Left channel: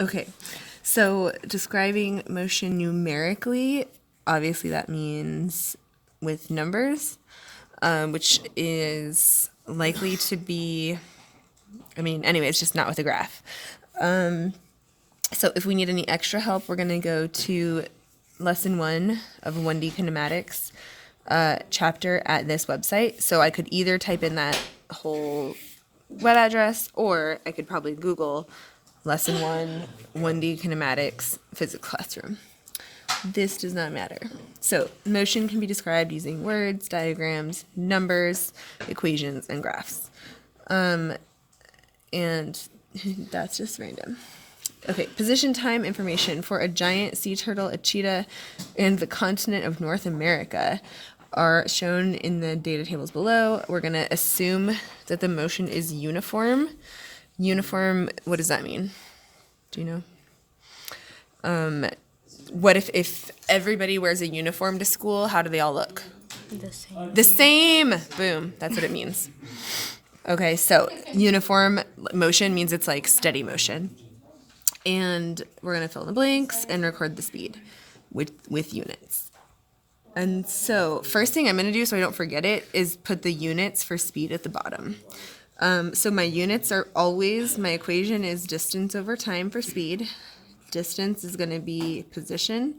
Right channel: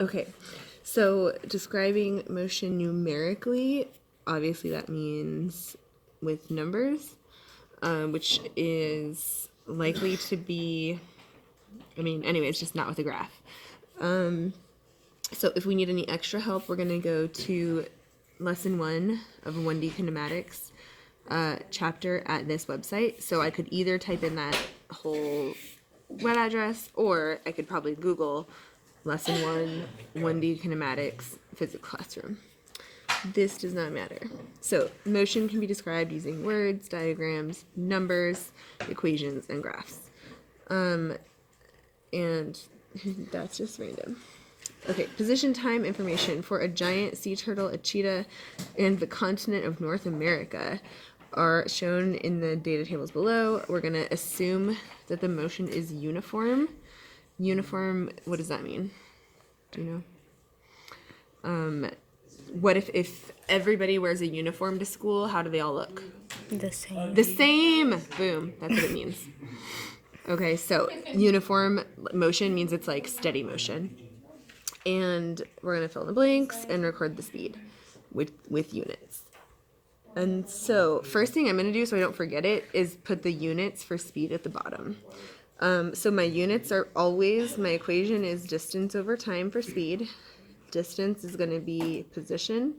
Okay, so describing motion numerically, obviously that means with numbers, which is likely to be, anyway, it's just not with a graph. So if we need any extra help, we're going to go to lesson 1 of 1D kinematics chapter at this website. So I could either type in that whole web address, or I could probably Google lesson 1, 1D kinematics, physics classroom. This does not matter. So motion can be described using words, diagrams, numbers, equations, and graphs. And that's just random. Okay, position time information for a giant sea turtle, a cheetah, and the continent of North America are shown in the data tables below. We're going to assume that the motion is uniform. Uniform, what does that mean? Do you know? What if everybody wears a uniform to school? How do they all look? The same. The same! Boom, that's what it means. Okay, so uniform motion means it's like steady motion. And we're going to fill in the blanks and record the speed with units. And so first thing I'm going to do so I don't forget it is put the units for speed at the bottom. So my units are always, my equation is distance over time for speed. Distance is going to be position,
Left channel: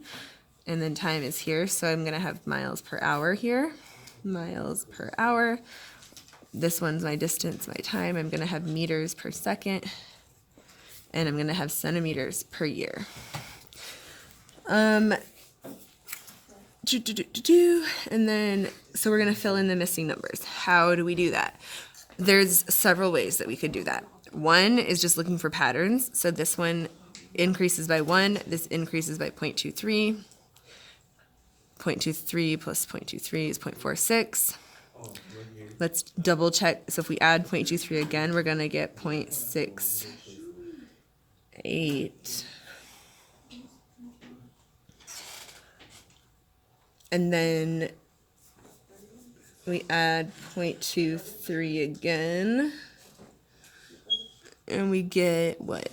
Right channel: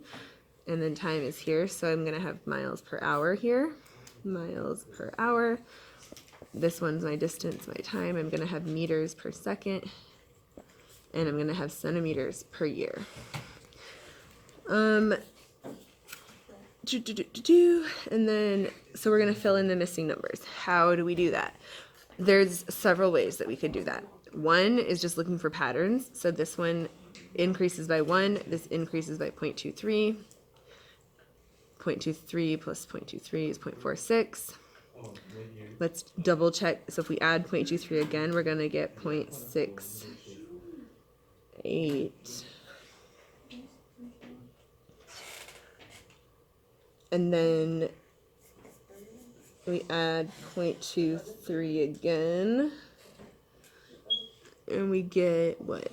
and then time is here. So I'm going to have miles per hour here. Miles per hour. This one's my distance, my time. I'm going to have meters per second. And I'm going to have centimeters per year. And then, so we're going to fill in the missing numbers. How do we do that? There's several ways that we could do that. One is just looking for patterns. So this one increases by 1. This increases by 0.23. 0.23 plus 0.23 is 0.46. Let's double check. So if we add 0.23 again, we're going to get 0.68. And then we add 0.23 again. And we get what?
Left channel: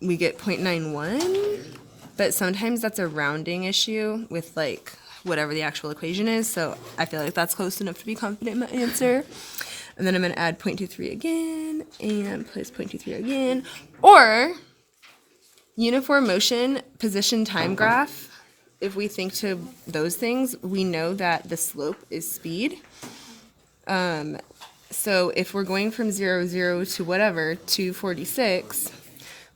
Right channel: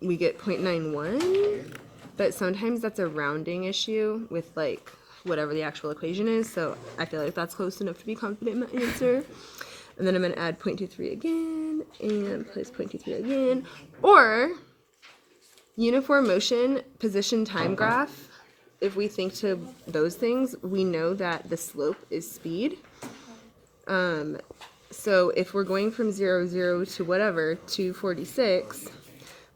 We get 0.91. But sometimes that's a rounding issue with like whatever the actual equation is. So I feel like that's close enough to be confident in my answer. And then I'm going to add 0.23 again and plus 0.23 again. Or uniform motion, position time graph. If we think to those things, we know that the slope is speed. So if we're going from 0, 0 to whatever, 246,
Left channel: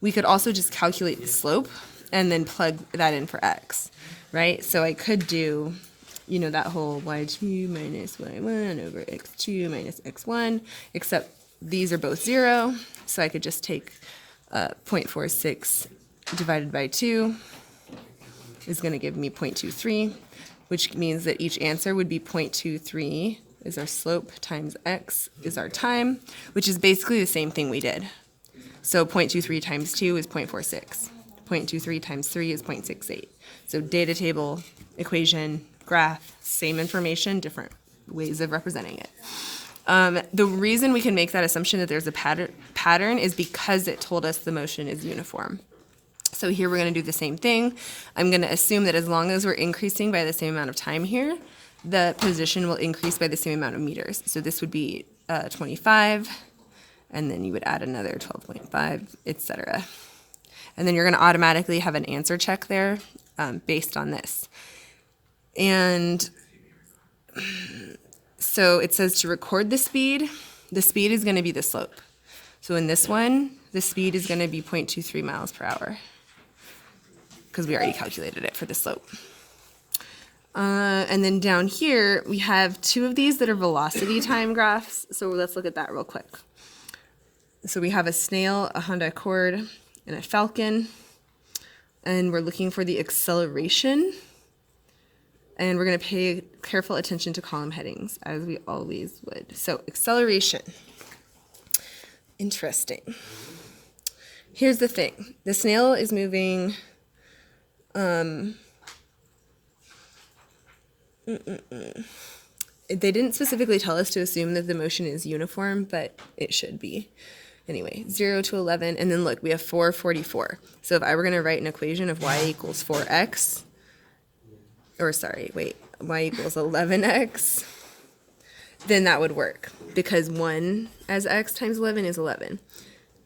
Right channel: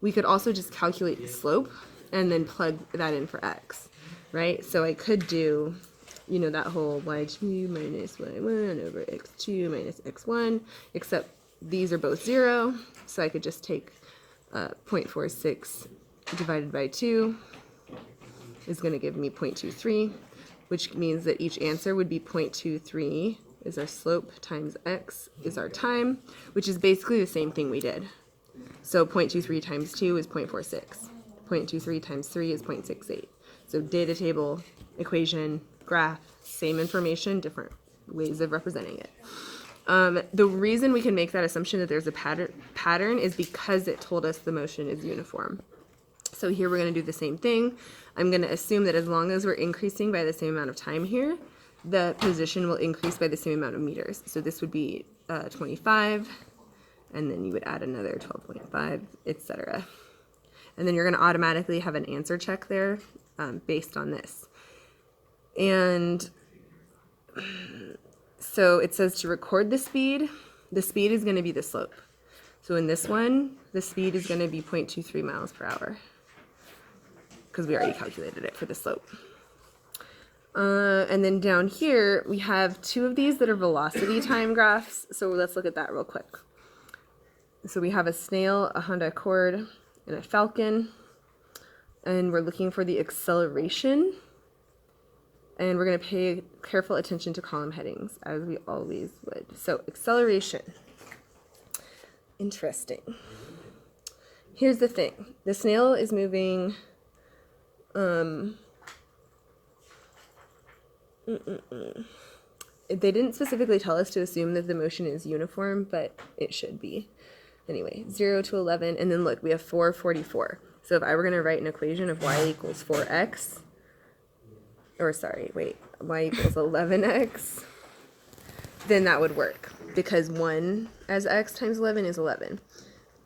we could also just calculate the slope and then plug that in for x, right? So I could do, that whole y2 minus y1 over x2 minus x1, except these are both 0, so I could just take 0.46 divided by 2 is going to give me 0.23, which means that each answer would be 0.23 is our slope times x is our time, which is basically the same thing we did. So 0.23 times 2 is 0.46. 0.23 times 3 is 0.68. So data table, equation, graph, same information, different ways of representing it. The reason we can make that assumption that there's a pattern is because it told us the motion is uniform. So here we're going to do the same thing. I'm going to assume that as long as we're increasing by the same amount of time here, the position will increase by the same amount of meters. So this would be 25, and then you would add another 12.5, etc. And then you're going to automatically have an answer check there based on this. And so it says to record the speed is going to be the slope. So in this one, the speed is going to be 0.23 miles per hour because we already calculated it for the slope. And then down here, we have 2 of these that are velocity time graphs. So let's look at that real quick. So we have a snail, a Honda Accord, and a falcon. And we're looking for the acceleration. And we're going to pay careful attention to column headings, as we always would. So acceleration. Interesting. Here's the thing. The snail is moving... They didn't specifically tell us to assume that the motion is uniform, but it should be. Anyway, 0 to 11, and then look, we have 444. So if I were going to write an equation of y equals 4x, or sorry, wait, y equals 11x, then that would work, because 1 as x times 11 is 11.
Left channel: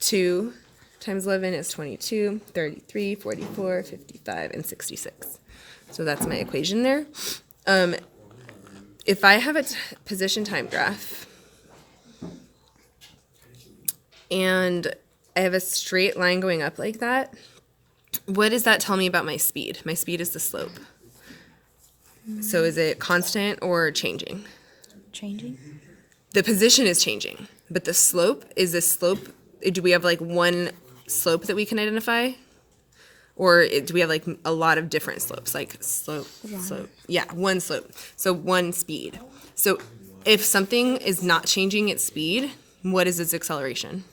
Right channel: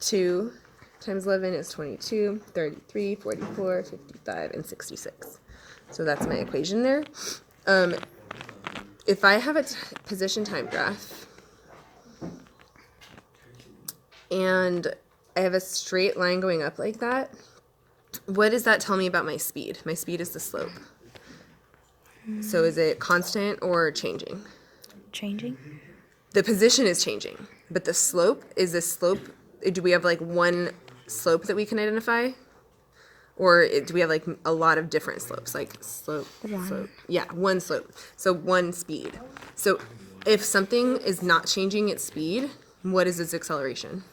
2 times 11 is 22, 33, 44, 55, and 66. So that's my equation there. If I have a position time graph, and I have a straight line going up like that, what does that tell me about my speed? My speed is the slope. So is it constant or changing? Changing? The position is changing, but the slope is a slope. Do we have like one slope that we can identify? Or do we have like a lot of different slopes? Like slope, slope. Yeah, one slope. So one speed. So if something is not changing its speed, what is its acceleration?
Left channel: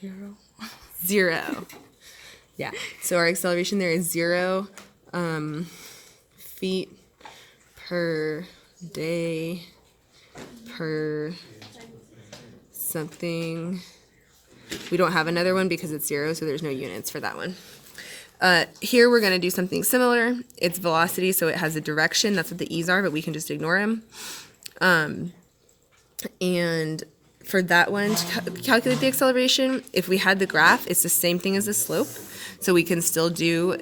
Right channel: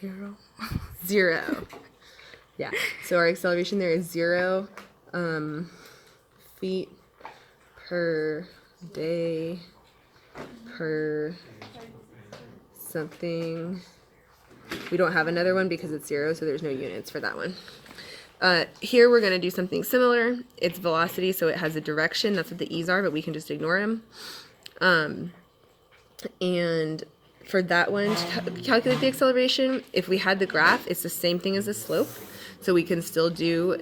Zero. 0. Yeah. So our acceleration there is 0 feet per day per something. We don't have another one because it's 0, so there's no units for that one. Here we're going to do something similar. It's velocity, so it has a direction. That's what the e's are, but we can just ignore them. And for that one, to calculate the acceleration, if we had the graph, it's the same thing as the slope. So we can still do,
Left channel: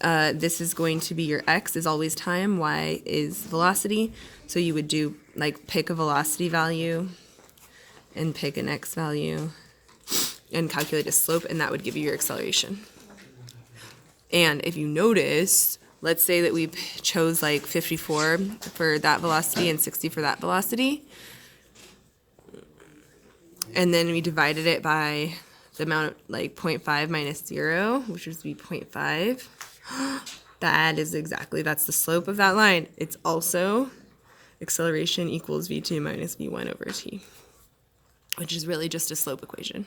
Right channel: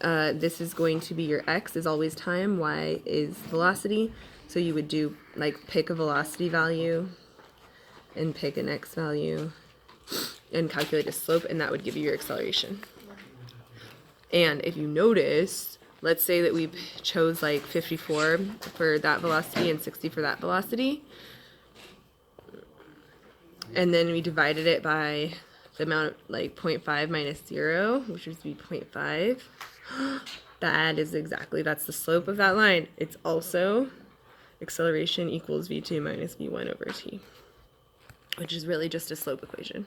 this is going to be your x is always time, y is velocity. So you would do, like, pick a velocity value and pick an x value and calculate a slope, and that would give you your acceleration. And if you notice, let's say that we chose like 54 for that velocity and 60 for that velocity, and then we divided it by the amount, like 0.5 minus 0, which would be 0.5. That is exactly, that's the slope of that line. It's also acceleration equals v2 minus v1 over t, which is really just a slope equation.